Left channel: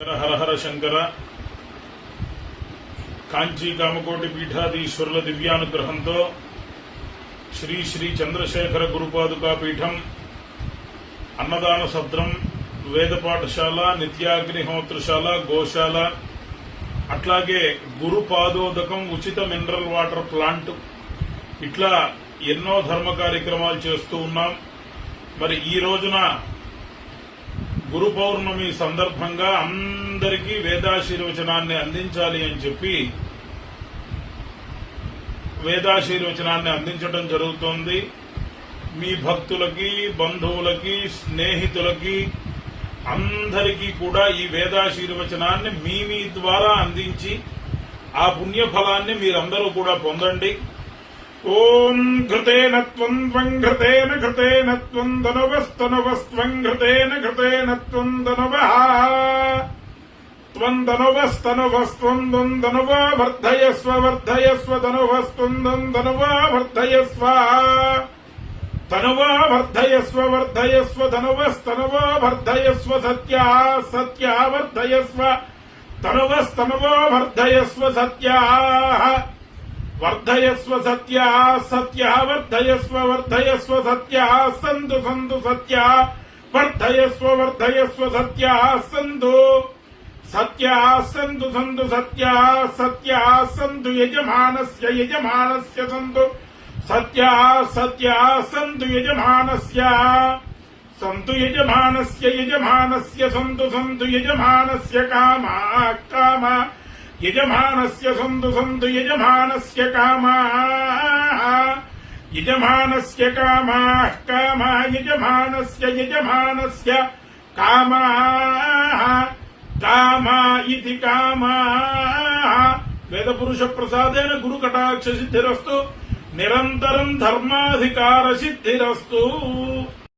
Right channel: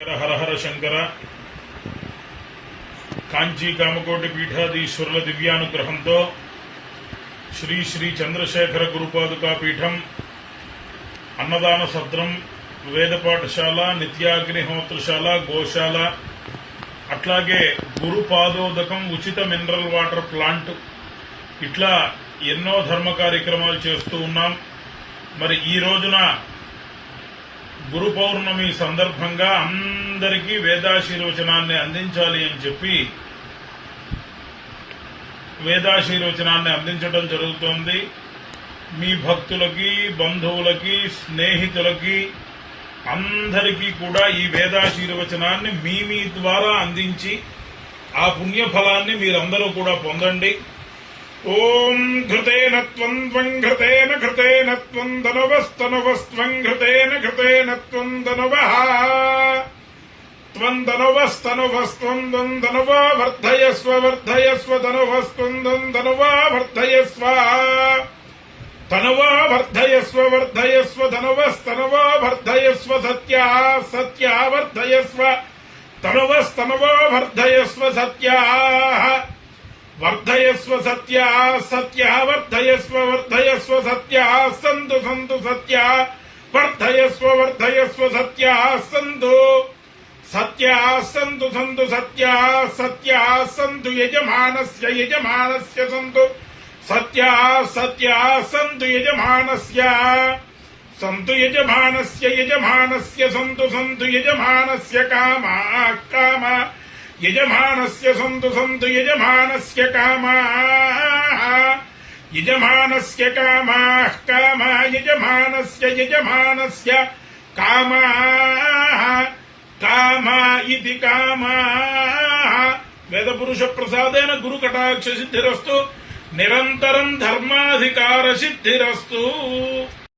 హర హర శంకర. కాంచీ కామకోటి పీఠాధీశ్వరుల దివ్యానుగ్రహంతో శ్రీ శ్రీ చంద్రశేఖర గురుపాదుకా పీఠం అన్నదాన సత్రం, వేద పాఠశాల, నిత్యాగ్నిహోత్రశాల, గోశాల, అట్లాగే గురుపాదోదకం, ఉచిత మినరల్ వాటర్ ప్లాంట్, ఇట్లా ఎన్నో ధర్మ కార్యక్రమాలు చేస్తూ ఉన్నాం. మరి ఈ రోజున గురు పౌర్ణమి సందర్భంగా అందరికీ వేదాశీర్వచనాన్ని అందించాలి అని చెప్పి వేదాశీర్వచనాన్ని అందించడం జరుగుతోంది. మీ భక్తులకి, బంధువులకి, స్నేహితులకి అందరికీ కూడా ఈ వేదాశీర్వచనాన్ని మీ ద్వారా అందించి ఆ పుణ్యఫలాన్ని మీరందరూ కూడా పొందండి. ఓం ఘృతేన త్వం త్వం ఘృతేన ఘృతేన త్వం ధనువస్తనువస్త్వం ఘృతేన ఘృతేన త్వం ధనువః త్వం ధనువస్తనువస్త్వం త్వం ధనువా వర్ధయస్వ వర్ధయస్వ ధనువస్త్వం త్వం ధనువా వర్ధయస్వ తనువా వర్ధయస్వ వర్ధయస్వ ధనువస్తనువా వర్ధయస్వ సత్యా సత్యా వర్ధయస్వ తనువస్తనువా వర్ధయస్వ సత్యా వర్ధయస్వ సత్యా సత్యా వర్ధయస్వ వర్ధయస్వ సత్యా సంతు సంతు సత్యా వర్ధయస్వ వర్ధయస్వ సత్యా సంతు సత్యా సంతు సంతు సత్యా సత్యా సంతు యజమానస్య యజమానస్య సంతు సత్యా సత్యా సంతు యజమానస్య సంతు యజమానస్య యజమానస్య సంతు సంతు యజమానస్య కామా కామా యజమానస్య సంతు సంతు యజమానస్య కామా యజమానస్య కామా కామా యజమానస్య యజమానస్య కామా కామా ఇది కామా. వేదపురుష ప్రసాదేన గురు కటాక్ష సిద్ధిరస్తు, నిరంతరం ధర్మాధికార సిద్ధిరస్తు.